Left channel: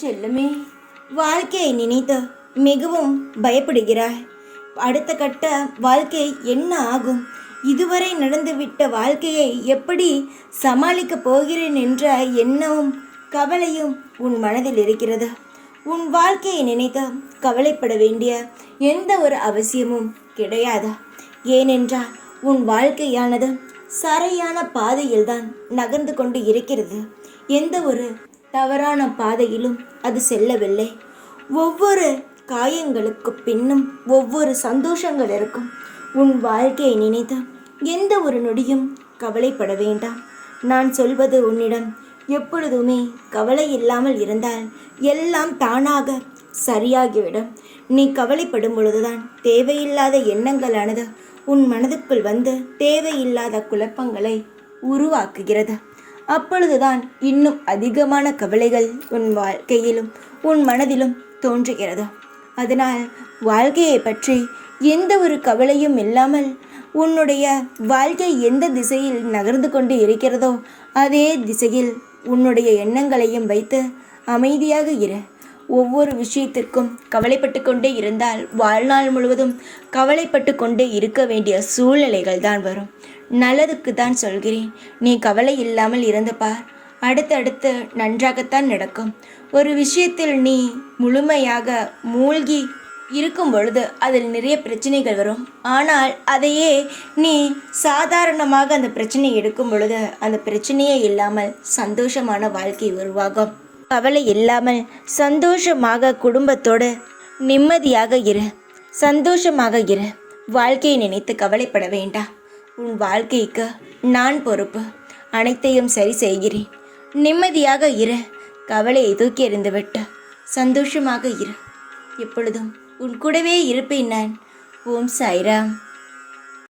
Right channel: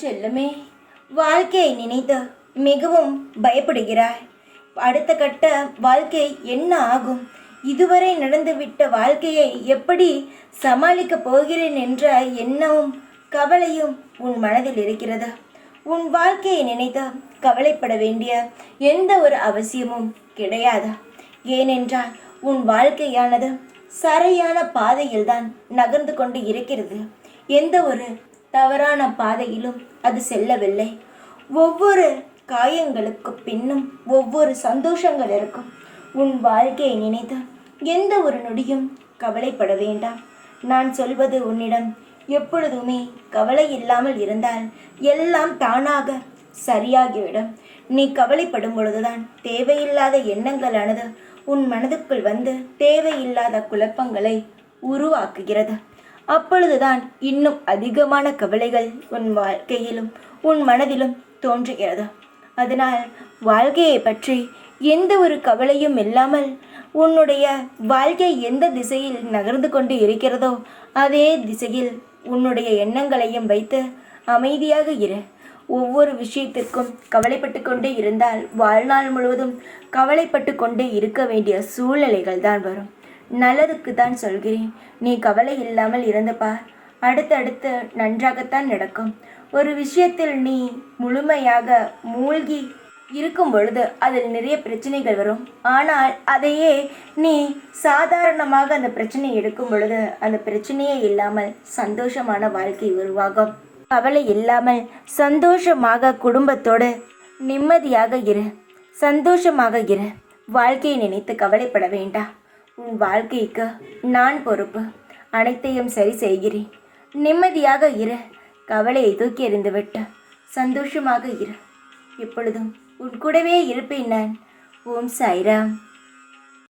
செல்லமே, வாழ்க்கையை நினைத்து மிகவும் பயப்படுகிறாய். அடுத்த கட்ட வாழ்க்கை என்ன ஆகும்? இதுவரை நடந்துவிட்ட வாழ்க்கையை எப்படி சமாளிக்கப் போகிறேன் என்ற எண்ணமும் கவலையும் உன் மனதில் இருக்கிறது. உன் வாழ்க்கையை நினைத்து கவலைப்பட வேண்டிய எந்த ஒரு அவசியமும் கிடையாது. ஏனென்றால் உன் வாழ்க்கையானது சரியான பாதையில்தான் நகர்ந்து கொண்டு இருக்கிறது. எந்த ஒரு தவறான பாதையிலும் அது செல்லவில்லை. ஒவ்வொரு காயங்களுக்கு பின்னும் ஒவ்வொரு சந்தோஷங்கள் இருக்கும். உன் வாழ்க்கையை நினைத்து எந்த ஒரு நொடியும் கவலைப்பட வேண்டாம். நான் சொல்வது உன்னிடம் எப்பொழுதுமே கவலை இல்லாமல் இருந்தால் எல்லாம் தானாக சரியாகிவிடும். நீ கவலைப்படும் பொழுதுதான் தேவையில்லாத எண்ணங்களானது உன் மனதுக்குள் வந்து தேவையில்லாத குழப்பங்களை உருவாக்குகிறது. அப்பொழுதுதான் இன்னும் அதிகமான கவலைகள் உன் வாழ்க்கையிலும் உன் மனதிலும் தோன்றுகிறது. அதனால் வாழ்க்கையை பற்றி எந்த ஒரு கவலையும் இல்லாமல் உன்னுடைய வாழ்க்கை எந்த திசையில் நகர்ந்து கொண்டு இருக்கிறதோ அதே திசையில் உன்னுடைய எண்ணங்களையும் வைத்து அமைதியாக இரு. ஒவ்வொரு விஷயத்திற்கும் கவலைப்பட்டு கொண்டே இருந்தால் வாழ்நாள் முழுவதும் கவலைப்பட்டு கொண்டே இருக்க வேண்டிய சூழ்நிலைகள் தான் வரும். நல்லதுக்கு தான் சொல்கிறேன். நீ கவலை இல்லாமல் இருந்து பார். அடுத்தடுத்து நன்றாகத்தான் நடக்கும். ஒரு விஷயத்தில் நீ முழுமையாக மூழ்கி இருக்கும் பொழுது அதில் நிறைய பிரச்சனைகள் வரும். ஆனால் அதையே நீ சாதாரணமாக அந்த பிரச்சனையை எடுக்கும் பொழுது அந்த பிரச்சனையே இல்லாமல் சந்தோஷமான வாழ்க்கை உருவாகும். கவலை இல்லாமல் சந்தோஷமாக குடும்பத்தோடு நிம்மதியாக இரு. சந்தோஷமாக இரு. வாழ்க்கையை நினைத்து கவலைப்பட வேண்டாம். உன் வாழ்க்கைக்கு நான் பொறுப்பு. அனைத்தையும் சரி செய்கிறேன். நிம்மதியாக இரு. கவலையை தூக்கி எறிந்துவிட்டு சந்தோஷமாக இரு. எப்பொழுதும் உன் கூடவே இருப்பேன் நான். ஓம் சாய்ராம்.